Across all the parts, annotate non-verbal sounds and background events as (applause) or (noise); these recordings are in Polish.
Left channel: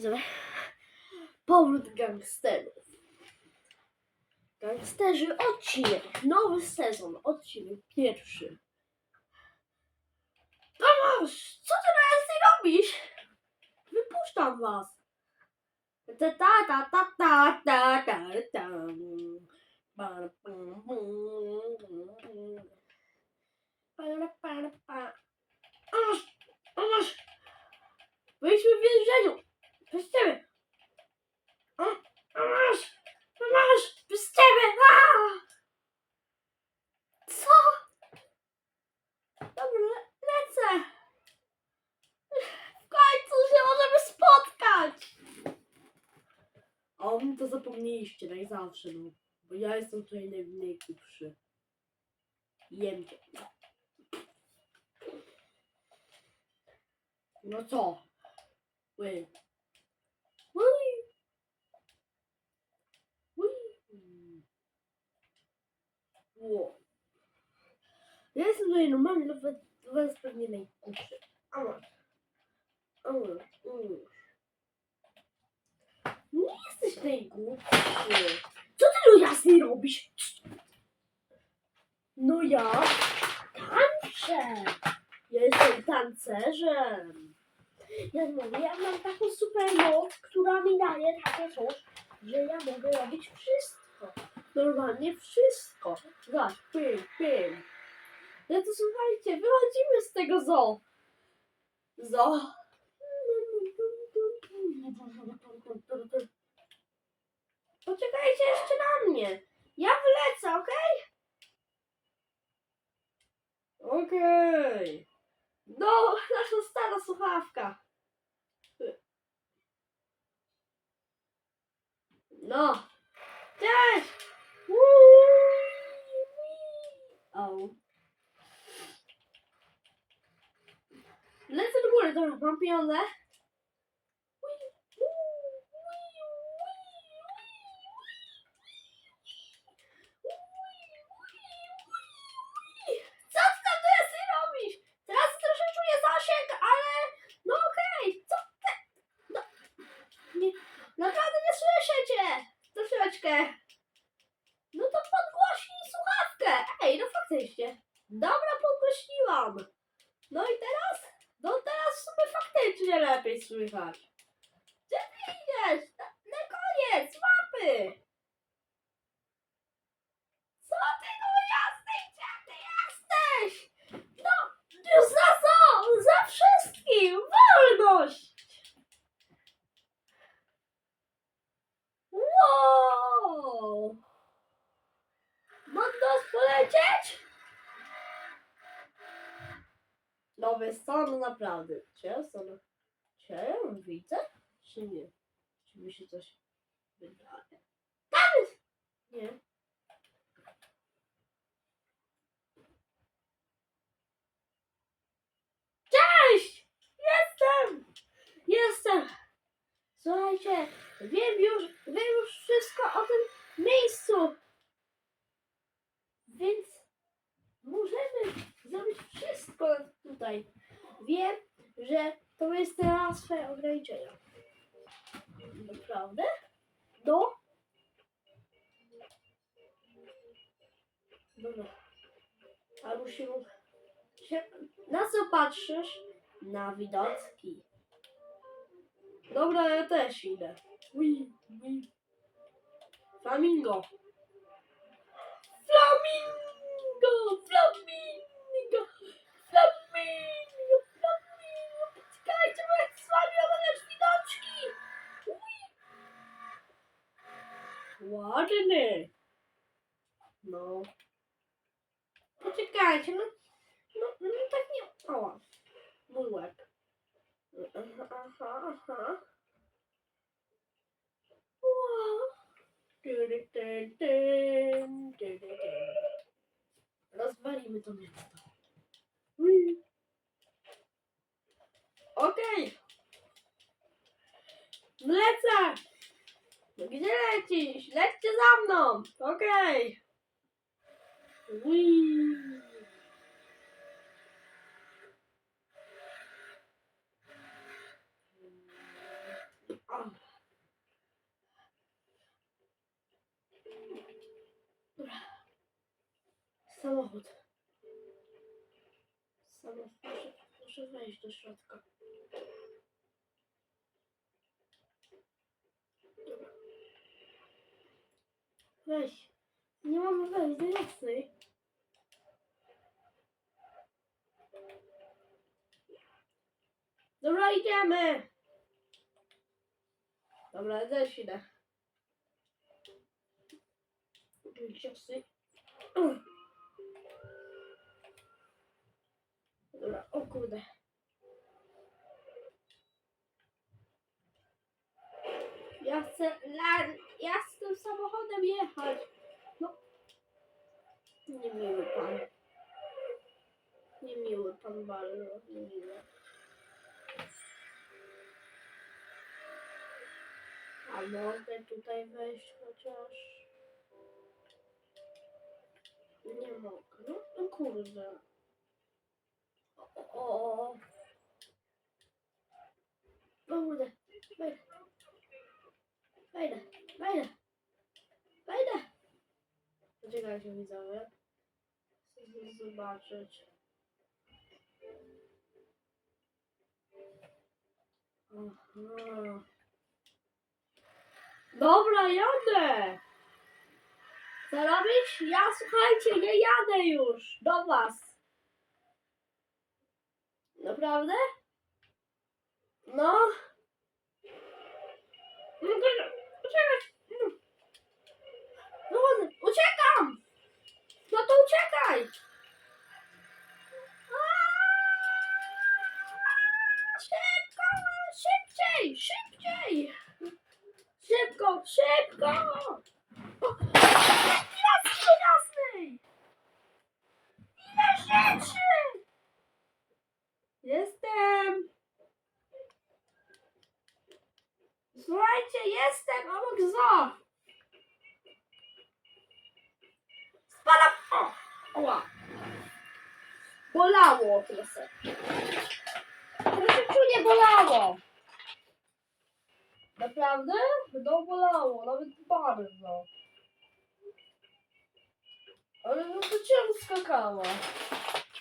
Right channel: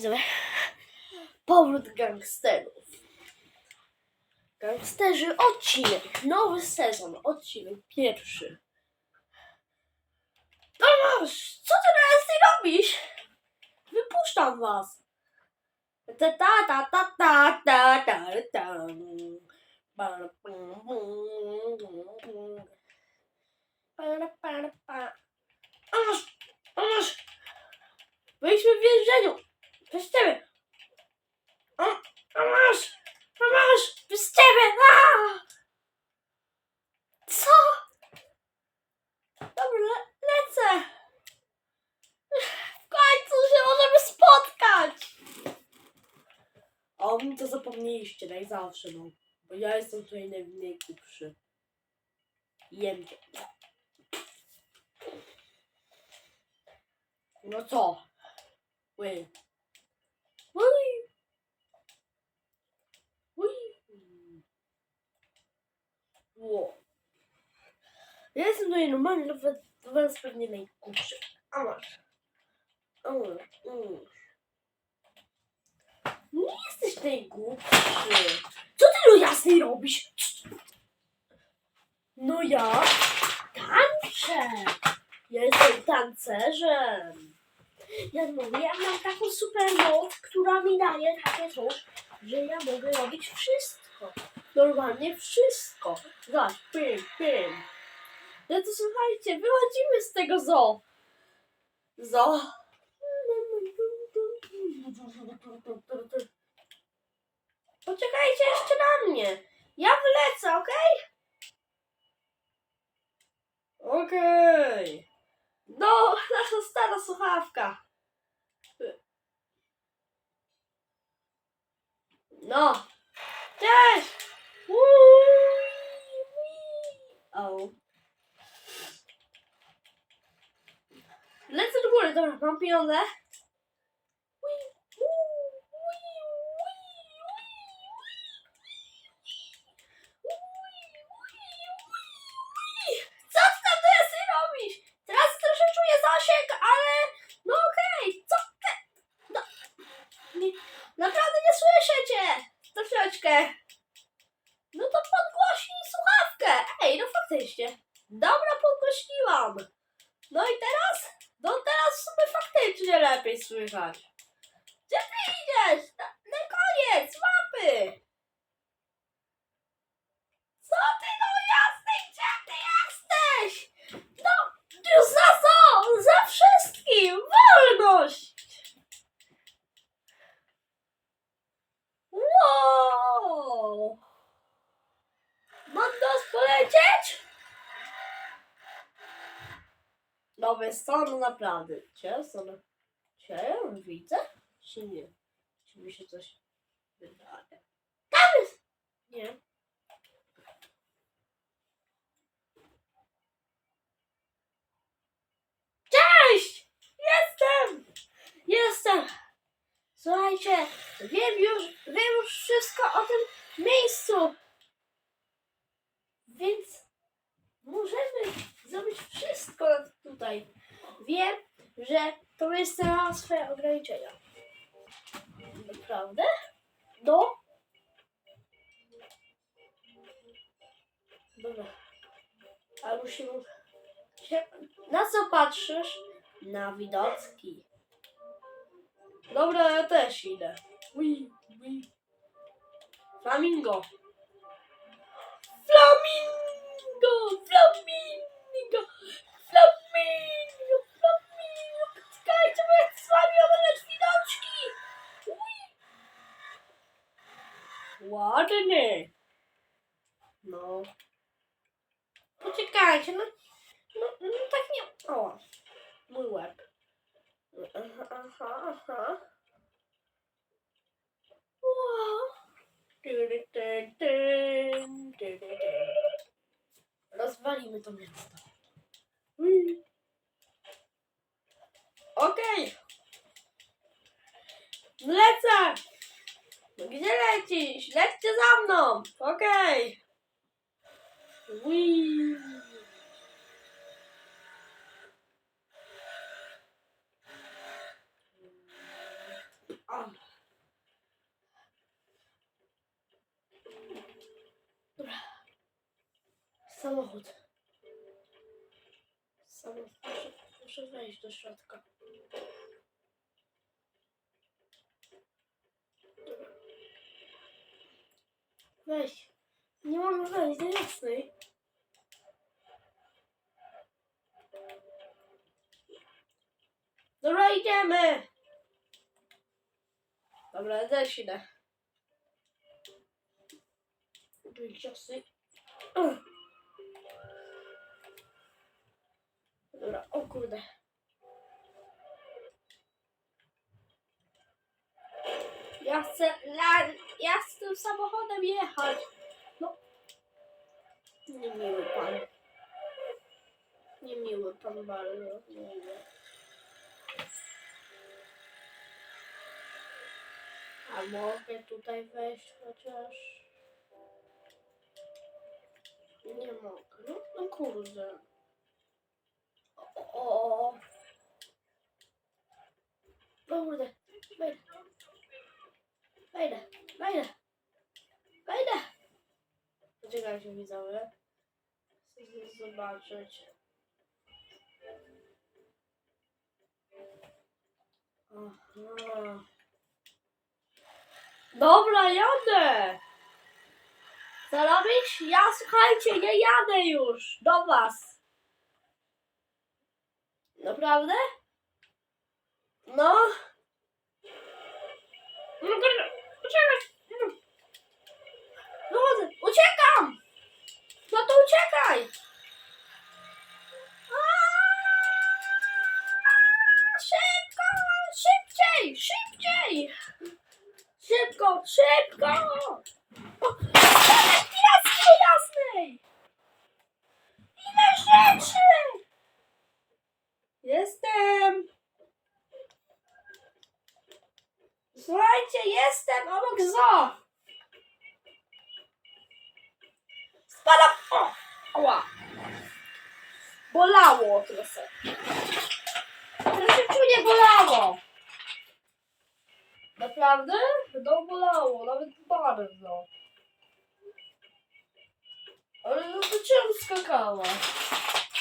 widzowie. Powrót gangsterów. Gangsterzy, odcinek. Nowy sezon, odcinek pierwszy. Tomasz, co ty teraz ty robisz? Wypuszczam was. Ta ta ta ta ta ta ta ta. Pa, pa. Tomasz, Tomasz, byliśmy w więzieniu. Przez ciebie. O, Tomasz, Tomasz, przez ciebie. A! Co? Dobra, le- lecę. W końcu się możemy spotkać. O, mi to zapomnieliście, jak zawsze, no. Bo ja jestem tutaj najgłupszy. Jem cię. No co? Ły. Ja jestem tutaj normalny, dla was, pewnie najgłupszy. A masz. A. Nie jesteś najgłupszy. Co ty do jasnej robisz? No ja tańczę. Ja jestem tancerzem. Ja mówię, ja mam taką super moc, która mi daje takie coś, że ja mogę robić wszystko. Normalnie wszystko. Zobacz, pym, pym. No to słuchajcie, wychodzimy z tego zoo. Zoo. Poczekajcie jeszcze na mnie. Ja wylecę, okej? Okej. No, nasza stara słuchawka. No. Cześć! O. Lecę do góry, dobra, mam pieniądze. Ty tam teraz robisz? Teraz troszkę czuję zasięg, ale no okej, co ty? No, nie, naprawdę nie słyszę cię. Troszeczkę. No to podgłośnij słuchawkę. Ej, no faktycznie. Dobra, podgłośniłam. No i teraz? No teraz w sumie faktycznie lepiej słychać. Gdzie ty idziesz? Na, na koniec, mapy. Co ty no jasnej, gdzie ty jesteś? No, już za co? Za wszystkim! Wolność! Wow! Mam nas polecieć? No wiesz co, no naprawdę. Cię, no, cię widzę? Czy nie? Czy mi się coś wydaje? Tam jest! Nie. Cześć! Jestem! Jestem! Słuchajcie, wiem już, wiem już wszystko o tym miejscu. Więc możemy zrobić wszystko tutaj. Wiem, że to miejsce ma swoje ograniczenia. Naprawdę? No? Dobra. A musimy. Na co patrzysz? Na widoczki. Dobra, ja też idę. Ui, ui. Flamingo. Flamingo! Flamingo! Flamingo! Flamingo! Poczekajcie, bo ja chcę z wami oglądać widoczki! Ładny. No. Poczekajcie, no, no, no tak nie... O, mój łeb. Aha, aha, aha. Wow. Rozwalimy to miasto. Ui. Okej. Okay. Lecę! Gdzie lecisz? Lećcie za mną! Okej! Okay. Samochód. Samochód. A wejść do środka. Weź. Nie mamy wejść do jasnej. Dobra, idziemy. Dobra, też idę. Wyjść jasnej. Dobra, o kurde. Ja chcę, ja, ja chcę tym samochodem jechać. No. Niemiły pan. Niemiły pan bardzo, niemiły. A mogę tutaj wejść chociaż? Nie mogę. No, no kurde. O, o, o. O kurde. Wejdę. Wejdę. Wejdę. Wejdę. Poczekajcie widzowie. Chcę zobaczyć. Aha. Dobra, jadę. Co robisz? Ja słuchajcie, nie jadę już do was. Naprawdę? No. No kurde. No. Chodzę, uciekam. No to uciekaj. Szybko, szybciej, szybciej. Szybko, szybko. O, Pilaski do jasnej. Ile rzeczy. Jestem. Słuchajcie, jestem obok zoo. Spadam. O, ała. Bolało trochę. Troszeczkę bolało. Naprawdę? No bolało, nawet bardzo. Ale no to czemu skakała?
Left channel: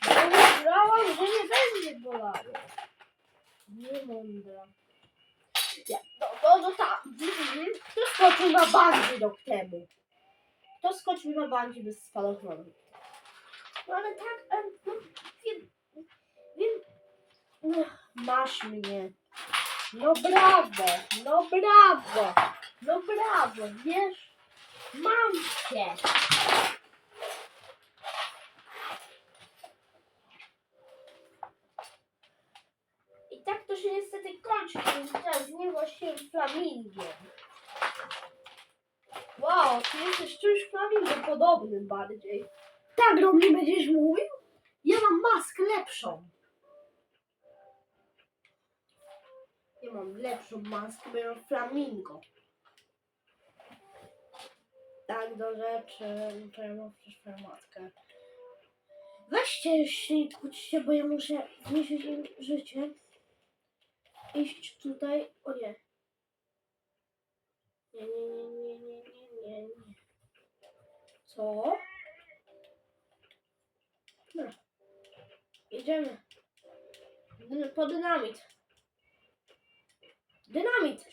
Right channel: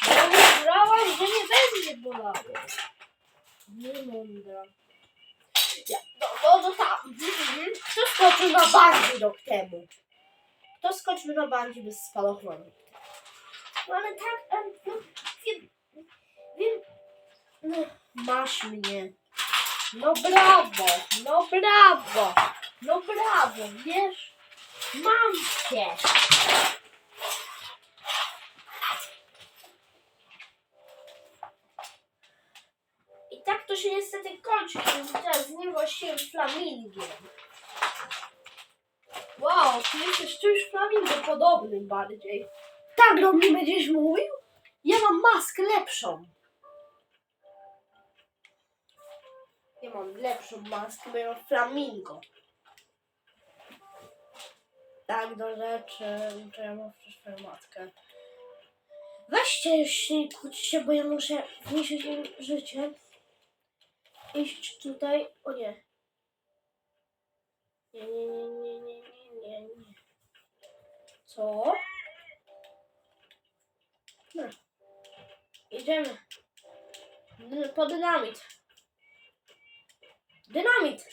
Bo myślałam, że nie będzie bolało. Nie mądra. Ja, no, no, no tak. Mhm. Kto skoczył na bungee rok temu? Kto skoczył na bungee bez spadochroну? No ale tak. No, masz mnie. No brawo, no brawo, no brawo, wiesz? Mam cię. I tak to się niestety kończy, więc teraz z niewłaściwym flamingiem. Wow, ty jesteś czymś flamingo podobnym bardziej. Tak do mnie będziesz mówił? Ja mam maskę lepszą. Mam lepszą maskę, bo ja mam flamingo. Tak do rzeczy, to ja mam przecież matkę. Weźcie się, nie kłóćcie, bo ja muszę zniszczyć im życie. Iść tutaj. O nie. Nie, nie, nie, nie, nie, nie, nie, nie. Co? No. Idziemy. Dy- Po dynamit. Dynamit!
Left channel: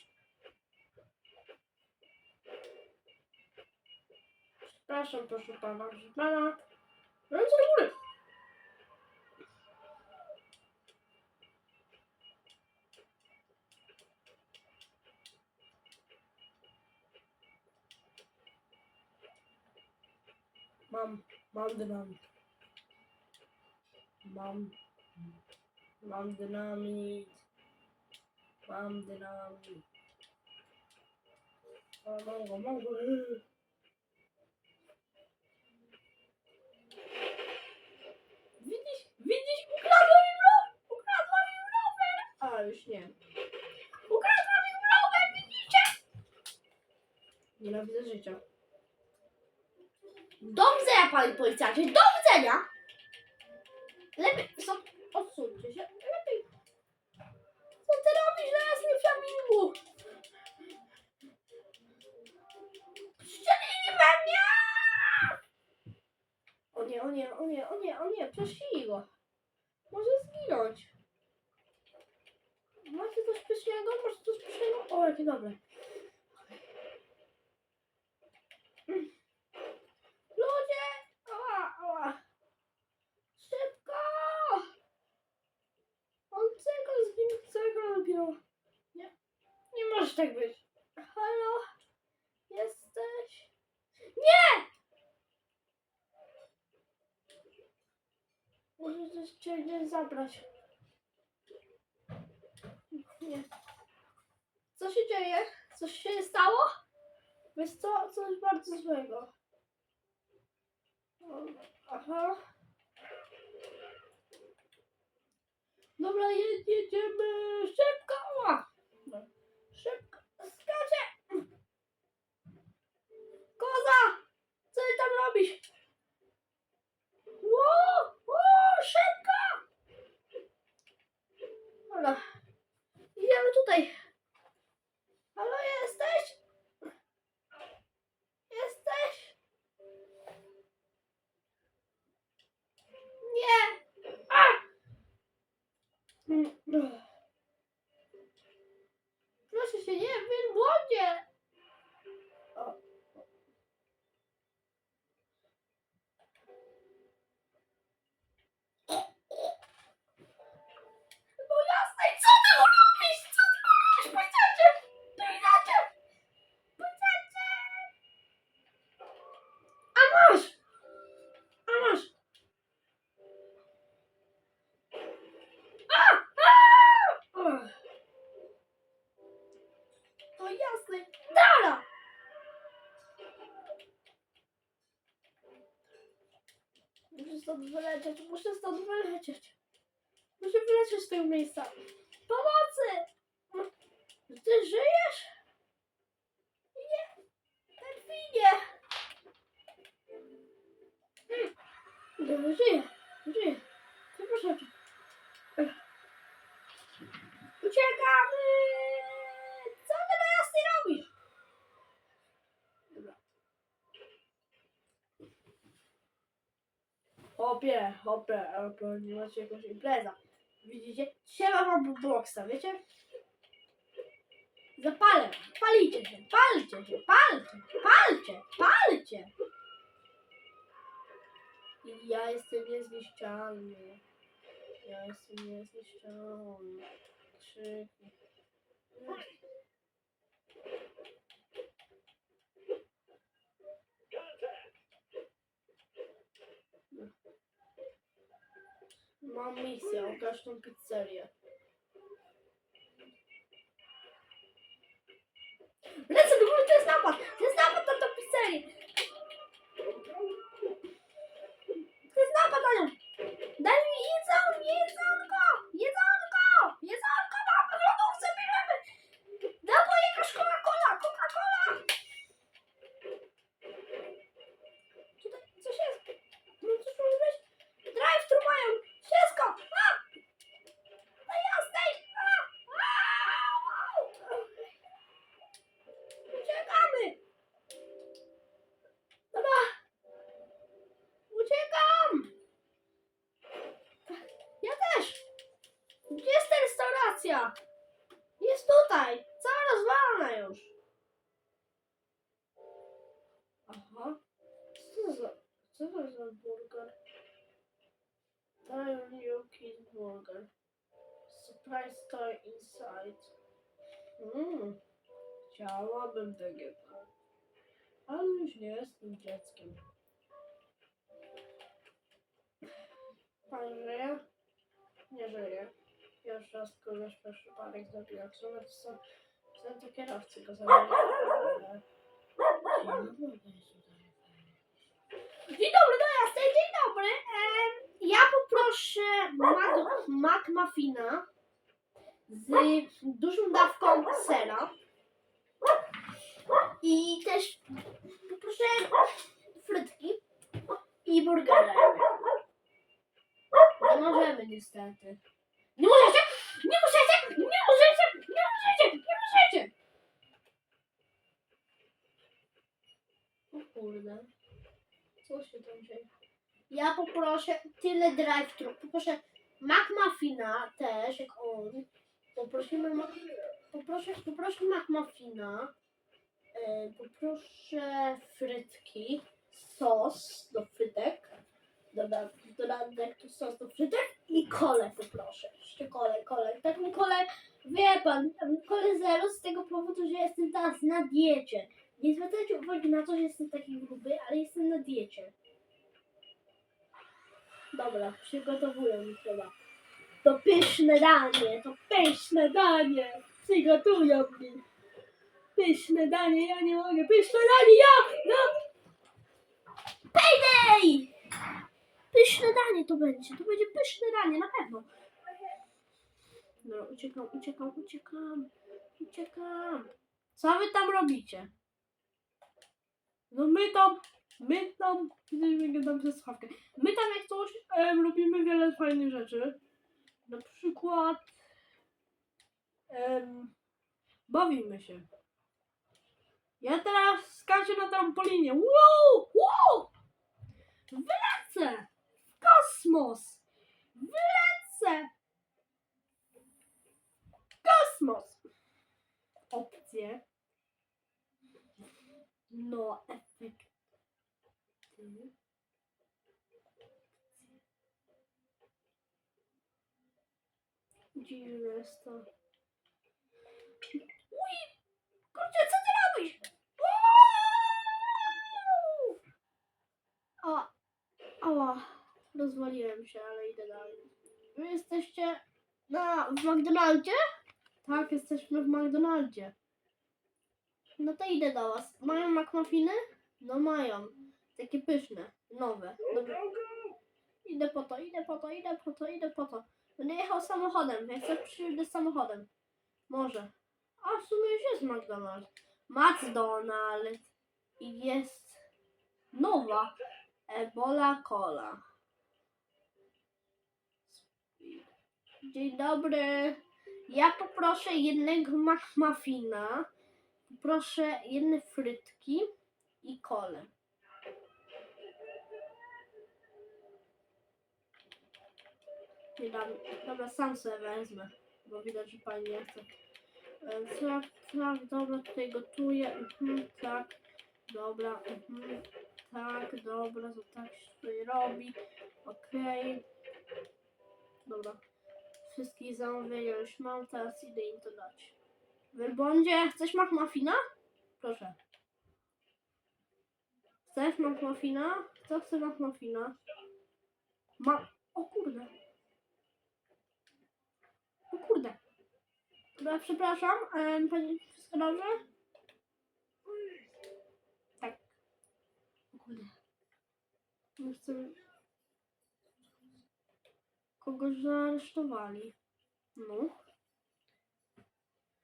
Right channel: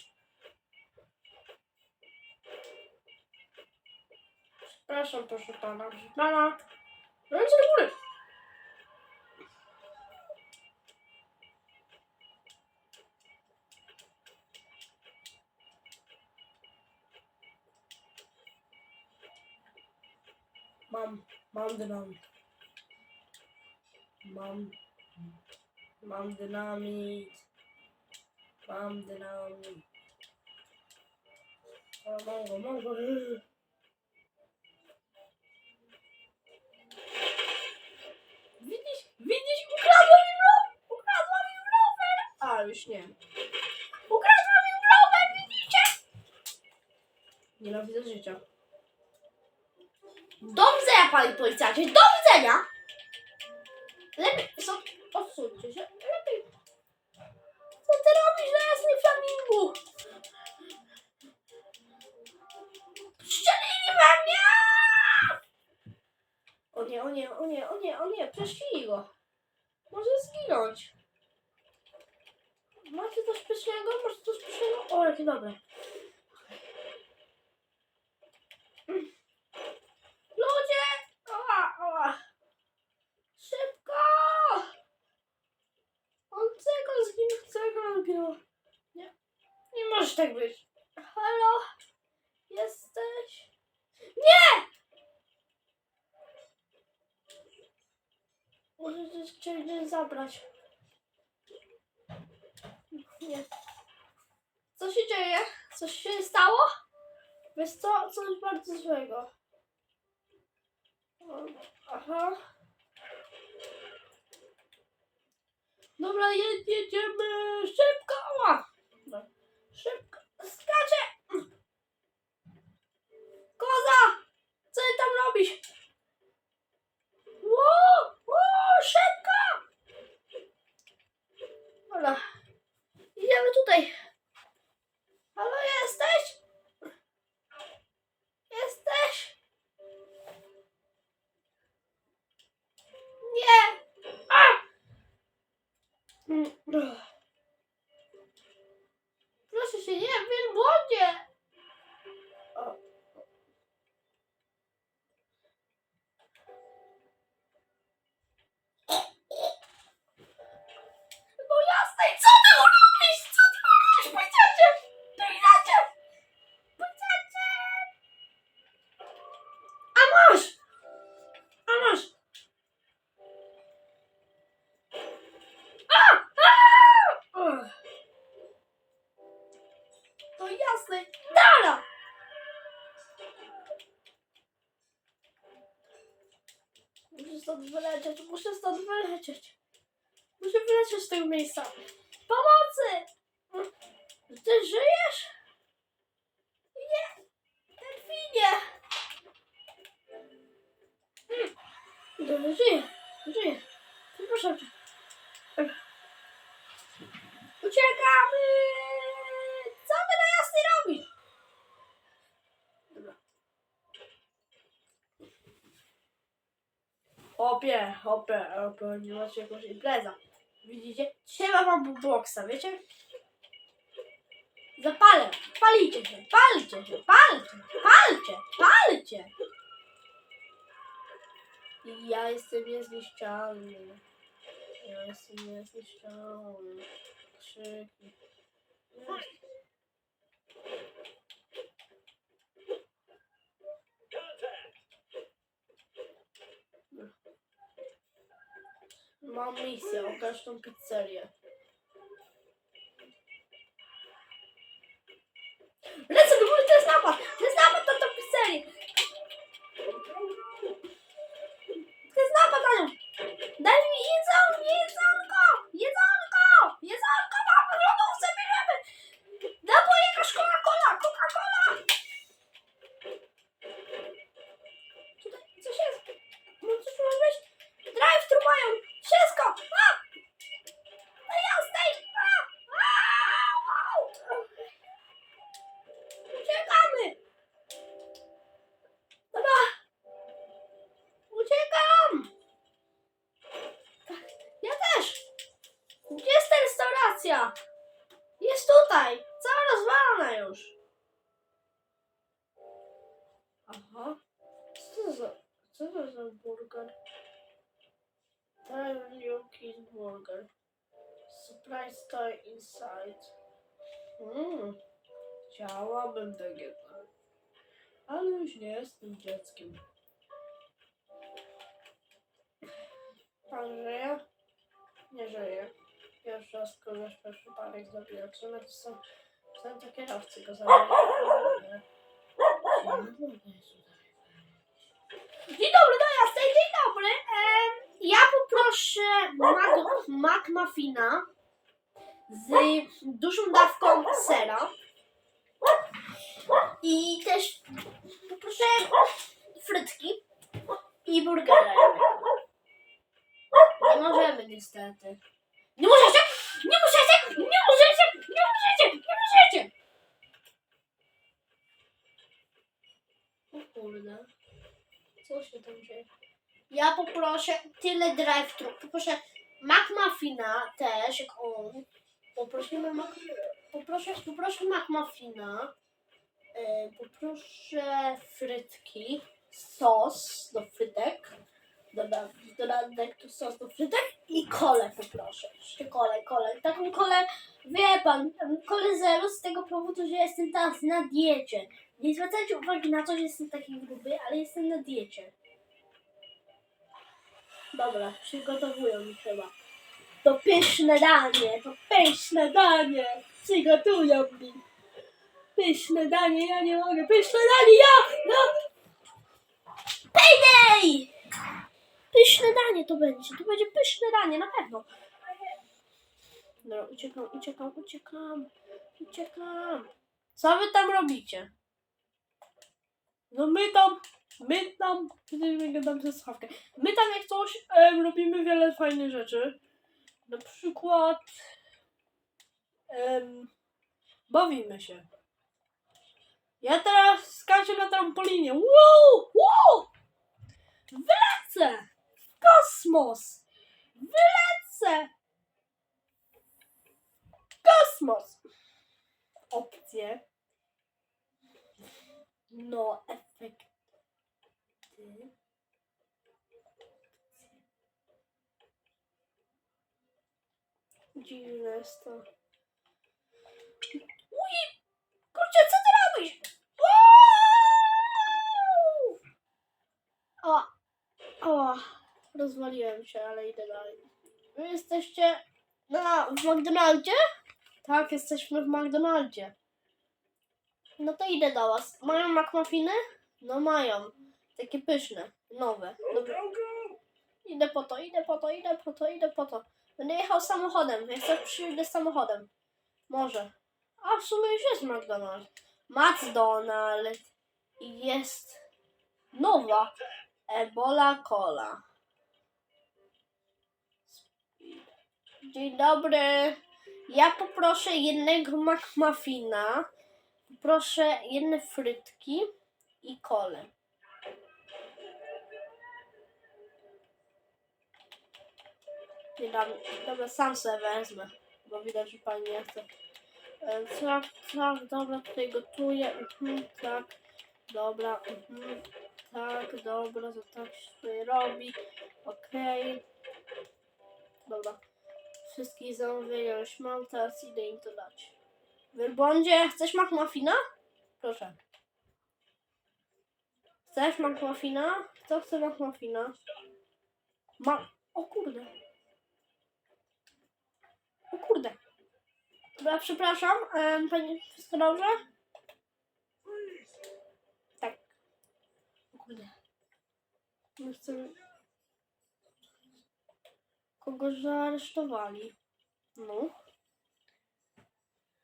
Przepraszam, proszę pana. Proszę pana. Ręce do góry. Mam, mam dynamit. Mam, mam dynamit. Mam dynamit. Mam go, mam go. Widzisz, widzisz, ukradła mi rower, ukradła mi rower. A, już nie. Ukradła mi rower, widzicie? Nienawidzę życia. Do widzenia, panie policjancie, do widzenia! Lepiej, odsuńcie się, lepiej ty robisz na jasnym flamingu? Strzelili we mnie! O nie, o nie, o nie, o nie, o nie, przeszli go. Może zginąć. Macie coś pysznego? Macie coś pysznego? O, jakie dobre. Może tak być. Halo? Jesteś? Nie! Możecie cię nie zabrać. Nie. Co się dzieje? Coś się stało? Wiesz co? Coś bardzo złego. Aha. Dobra, je- jedziemy szybko! Ła! Dobra, stąd wylecieć, muszę stąd wylecieć. Muszę wylecieć z tego miejsca. Pomocy! Ty żyjesz? Nie! Delfinie! Mm. Żyję, żyję. Przepraszam cię. Uciekamy! Co ty na jasny robisz? Dobra. Hopie, hopie, nie macie jakąś impreza. Widzicie? Siema mam bookboxa, wiecie? Zapalę, palicie się, palcie się, palcie, palcie, palcie! I ja jestem niezniszczalny. Ja jestem niezniszczalny. Krzyki. Mam misję, okaż tą pizzerię. Lecę do góry, to jest napad! To jest napad na tą pizzerię! Daniel Cheeseburger. Surprise toy inside. Mmm. Chciałabym takie coś. Ale już nie jestem dzieckiem. Pan żyje? Nie żyje. Pierwszy raz kogoś przez przypadek zabiła. W sumie to są, są to kierowcy go zabili. Dzień dobry, do jasnej, dzień dobry. Em, ja poproszę Mac, Mac Muffina z dużą dawką sera. I też poproszę frytki i burgera. Nie możemy niestety. Nie możecie! Nie możecie! Nie możecie! Nie możecie! Nie możecie! O kurde. Co się tam dzieje? Ja poproszę tyle drive-thru. Poproszę McMuffina też, jak on. Poprosimy mak... Poproszę, poproszę McMuffina. E, poproszę frytki. Sos do frytek. Doda, dodatek tu sos do frytek i kolę poproszę. Jeszcze kolę, kolę. Taką kolę, wie pan, kolę zero z tego powodu, że jestem teraz na diecie. Nie zwracajcie uwagi na to, że jestem taki gruby, ale jestem na diecie. Dobra, przygotowują mi chyba. To pyszne danie, to pyszne danie. Przygotują mi. Pyszne danie, ja nie mogę. Pyszne danie, ja! No. Payday! Pyszne danie to będzie, to będzie pyszne danie, na pewno. No, uciekam, uciekam, uciekam, uciekam. Co wy tam robicie? No my tam, my tam, my gadam ze słuchawkę. My tam jak coś em, robimy wiele fajnych rzeczy. Na przykład bawimy się. Ja teraz skaczę na trampolinie. Wow! Wow! Wylecę! W kosmos! Wylecę! W kosmos! Opcje. No, Dziwne jest to. Uj! Kurczę, co ty robisz? Wow! O! O! Rozwaliłem się, ale idę dalej. Wy jesteście na, w McDonaldzie? Tak, jesteśmy w McDonaldzie. No to idę do was. Mają McMuffiny? No mają. Takie pyszne, nowe. Idę po to, idę po to, idę po to, idę po to. Będę jechał samochodem. Jak chcesz przyjdę samochodem. Może. A w sumie już jest McDonald's. McDonald's. I jest nowa Ebola Cola. Dzień dobry. Ja poproszę jednego McMuffina. Proszę jedne frytki i kolę. Nie dam, dobra, sam sobie wezmę, bo widać, że pani nie chce. E, Tak, tak, dobra, tutaj gotuję, mhm, tak, dobra, mhm, tak, dobra, to tak się tutaj robi, okej. Dobra, wszystkich zamówienia już mam, teraz idę im to dać. Wielbłądzie, chcesz McMuffina? Proszę. Chcesz McMuffina? Kto chce McMuffina? Ma... O kurde. O kurde. Dobra, przepraszam. Um, pani, wszystko dobrze? Tak. O kurde. Nie chcę... Kogoś zaaresztowali. No.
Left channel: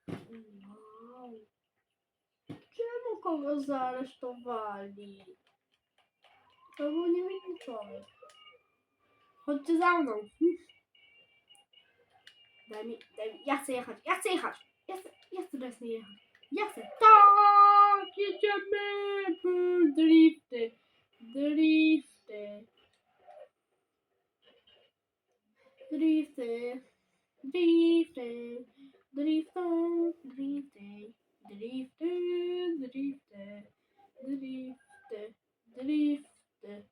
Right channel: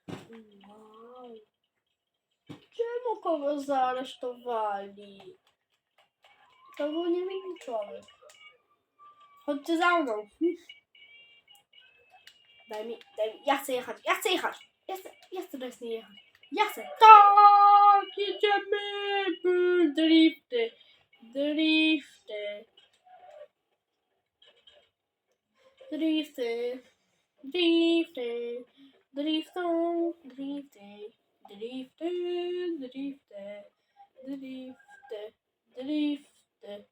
Wow. Czemu kogo zaaresztowali? To był niewinny człowiek. Chodźcie za mną. Daj mi, daj mi. Ja chcę jechać, ja chcę jechać. Ja chcę, ja chcę teraz nie jechać. Ja chcę. Tak, jedziemy. Mm, Drifty. Drifty. Drifty. Drifty. Driftą, drifty, drifty, drifty, drifty, drifty,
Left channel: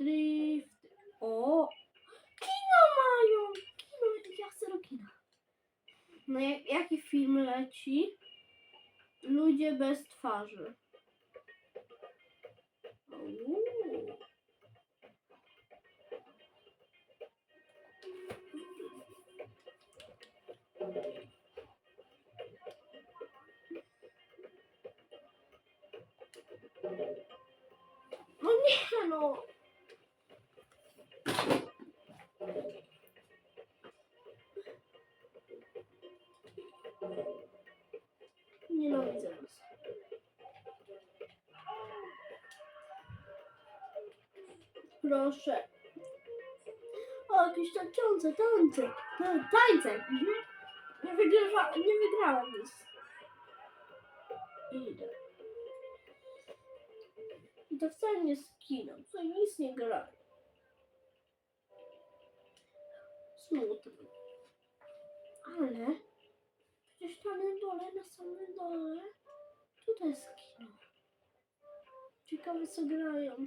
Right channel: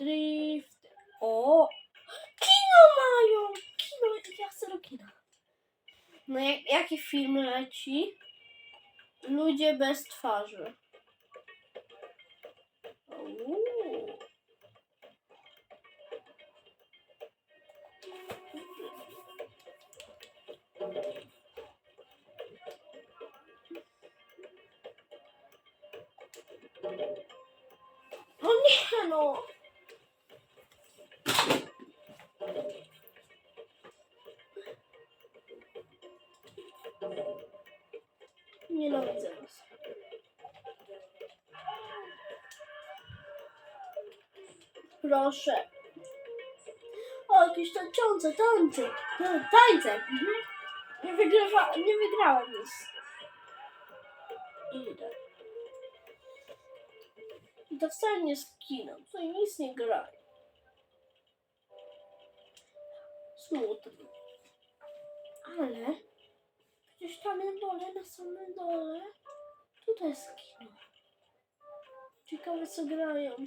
drifty. O! (gasps) Kino mają! Kino, ja chcę do kina. No jak, jaki film leci? Ludzie bez twarzy. Uuu. No nie no. Nienawidzę was. Proszę. O, jakieś tańczące, tańce. Ta- Tańce. Mhm. Nie, wygrywa, nie wygrałam nic. Idę. Nie kino, tutaj nic nie gra. Ciekawe co grają.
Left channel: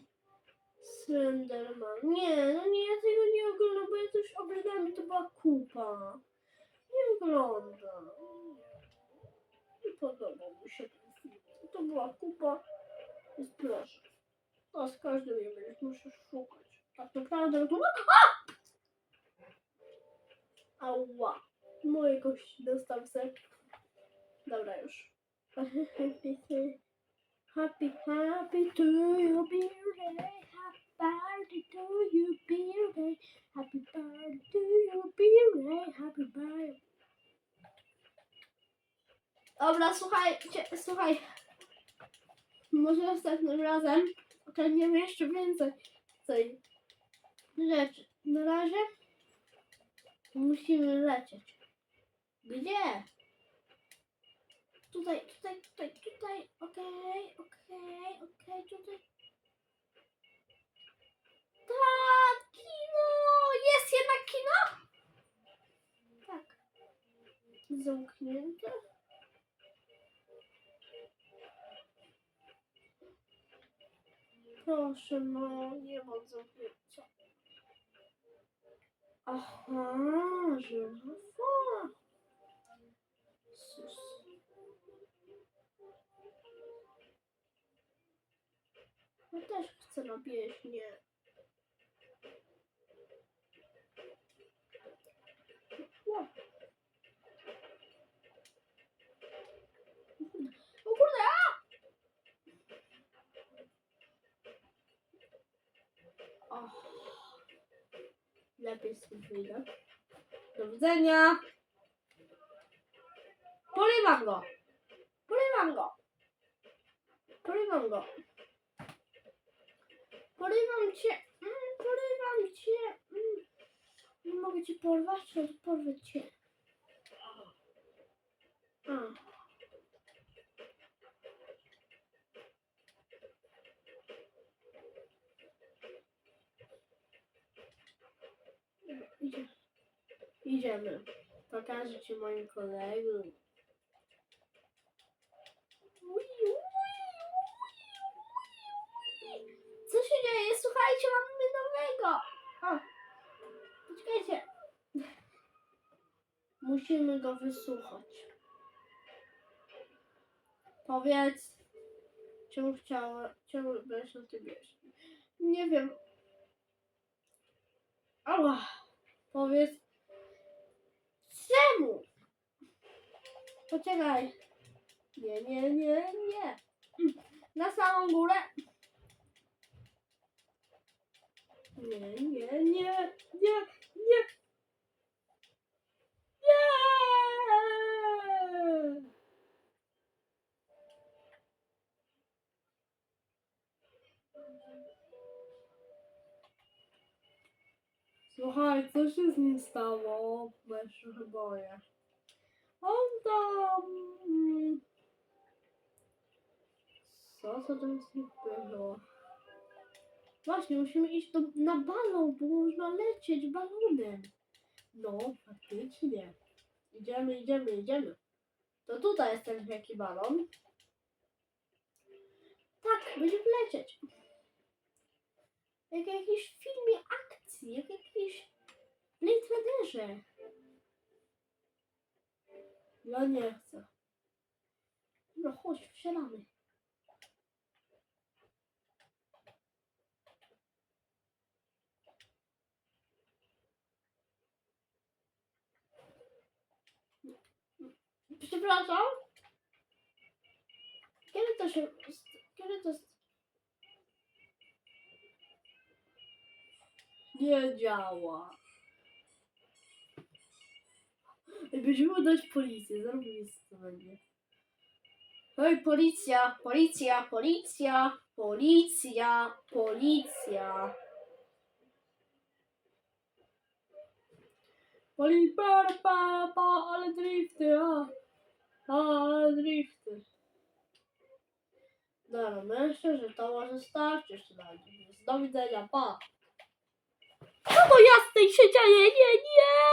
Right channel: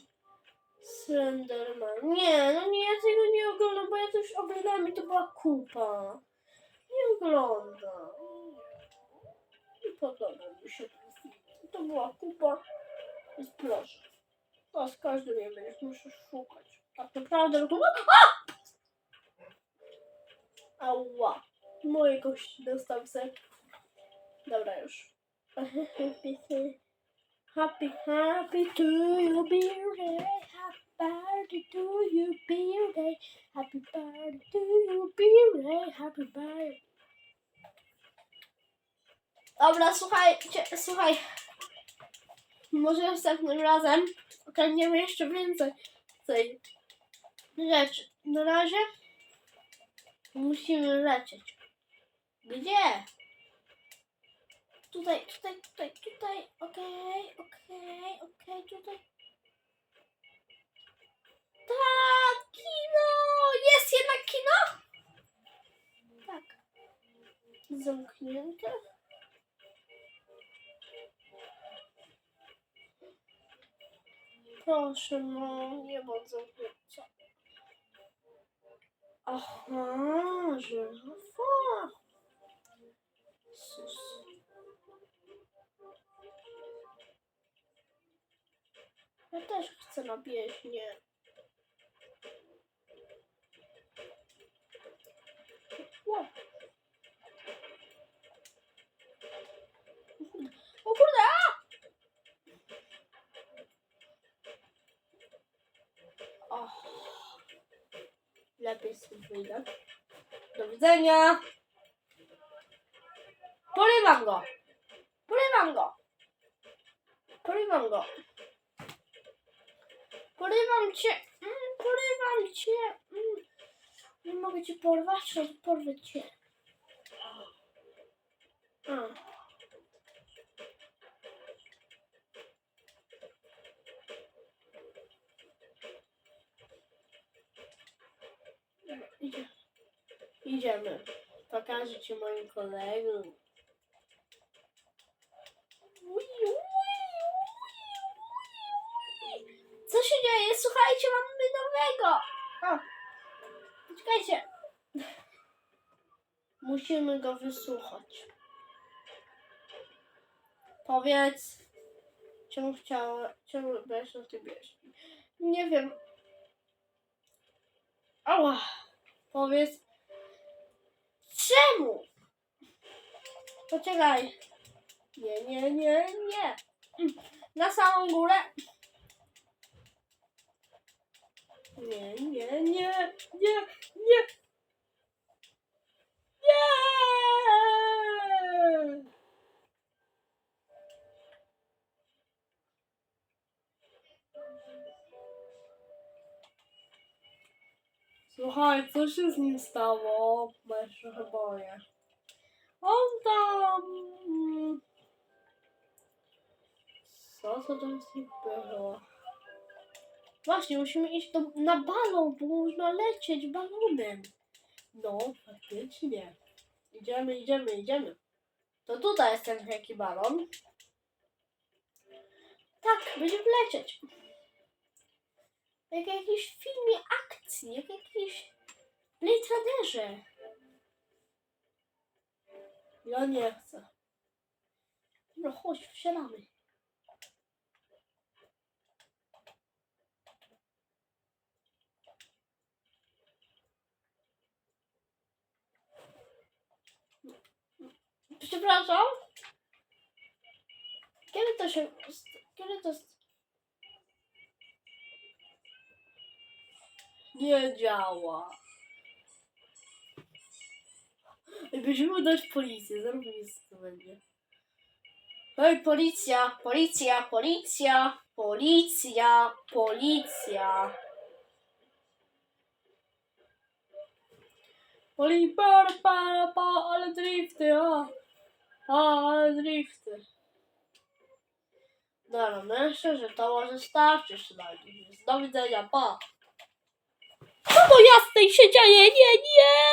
Slenderman. Nie, no nie, ja tego nie oglądam, bo ja to już oglądałam i to była kupa. Nie oglądam. Nie podoba mi się ten film. To była kupa. Więc proszę. Teraz każdy mnie będzie, muszę szukać. Tak naprawdę, to... A! Ała. Moje kości dostał. Dobra już. Happy, happy to you birthday. Happy birthday to you birthday. Happy birthday to you birthday. Happy birthday. Dobra, słuchajcie, słuchaj. Może następnym razem ogarniemy jeszcze więcej tej rzeczy. Na razie musimy lecieć. Gdzie? Tutaj, tutaj, tutaj, tutaj. Okej, okej, okej, tutaj. Tak, kino! Jest jednak kino? Tak. Zamknięte. Proszę, no, nie bądź zamknięcia. Aha, żyrafa. Sus. Ja też chcę na pieśnię. Ło. O kurde! O. Lepiej sobie wyjdę. Do widzenia. Porywam go. Porywam go. Porywam go. Porywam cię. Mm, porywam cię. Mm. Nie mogę ale porwę cię. A. Idziemy. Pokażę ci moim kolegom. Co się dzieje? Słuchajcie, mamy nowego. O, poczekajcie. Musimy go wysłuchać. Powiedz, czemu chciała, czemu byłeś na tym pieśni? Nie wiem. Ała. Powiedz, czemu? Poczekaj. Nie, nie, nie, nie. Na samą górę. Nie, nie, nie, nie, nie. Nie! Słuchaj, co się z nim stało? Bo ja się. On tam... Co to tam nim było? Właśnie, musimy iść do, na balon, bo można lecieć balonem. No, faktycznie. Idziemy, idziemy, idziemy. To tutaj jest ten wielki balon. Tak, będziemy lecieć. Jak w jakimś filmie akcji, jak w jakimś Blade. Ja nie chcę. No chodź, wsiadamy. Przepraszam. Kiedy to się... Kiedy to... Nie działa. Będziemy dać policję, zrobimy co będzie. Hej, policja, policja, policja, policja, policja. Poli, pa, pa, pa, ale drifty, a. A, ale drifty. Dobra, myślę, że to może starczyć na dziś. Do widzenia, pa. Co to jasnej się dzieje? Nie, nie!